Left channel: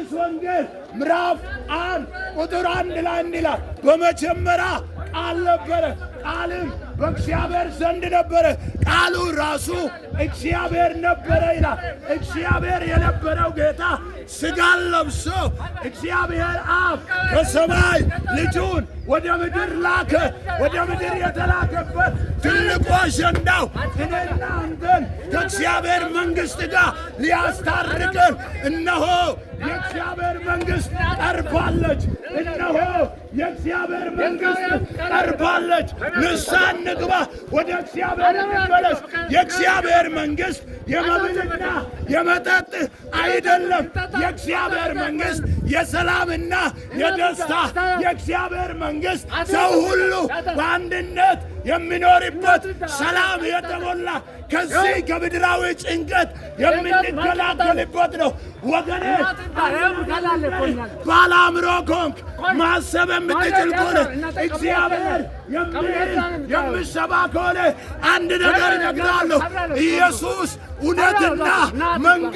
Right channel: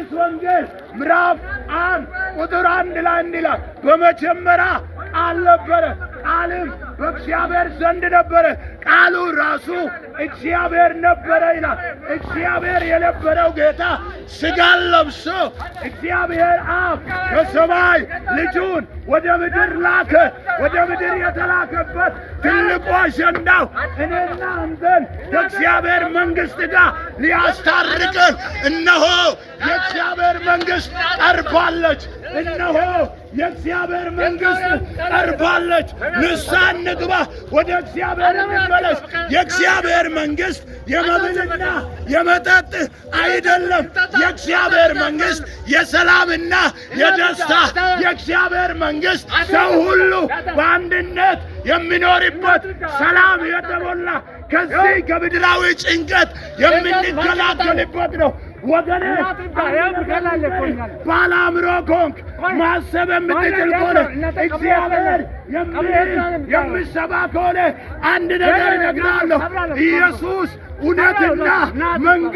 ዮሐንስ ወንጌል ምዕራፍ 1 ቁጥር 1 ላይ እንዲህ ይላል፣ በመጀመሪያ ቃል ነበረ፣ ቃልም በእግዚአብሔር ዘንድ ነበረ፣ ቃሉ ራሱ እግዚአብሔር ነበረ ይላል። እግዚአብሔር የነበረው ጌታ ሥጋን ለብሶ እግዚአብሔር አብ ከሰማይ ልጁን ወደ ምድር ላከ። ወደ ምድር የተላከበት ትልቁ አጀንዳው እኔና አንተን ከእግዚአብሔር መንግሥት ጋር ሊያስታርቀን፣ እነሆ የእግዚአብሔር መንግሥት ቀርባለች፣ እነሆ የእግዚአብሔር መንግሥት ቀርባለች፣ ንስሐ እንግባ፣ ወደ እግዚአብሔር እንመለስ። የእግዚአብሔር መንግሥት የመብልና የመጠጥ አይደለም። የእግዚአብሔር መንግሥት የሰላምና የደስታ፣ የእግዚአብሔር መንግሥት ሰው ሁሉ በአንድነት የሚኖርበት፣ ሰላም የተሞላ ከዚህ ከምድራዊ ጭንቀት የምንገላገልበት ነው። ወገኔ ባለ አእምሮ ከሆንክ ማሰብ የምትችል ከሆነ እግዚአብሔር የሚሰማ ከሆነ አንድ ነገር እነግርሃለሁ። ኢየሱስ እውነትና መንገድ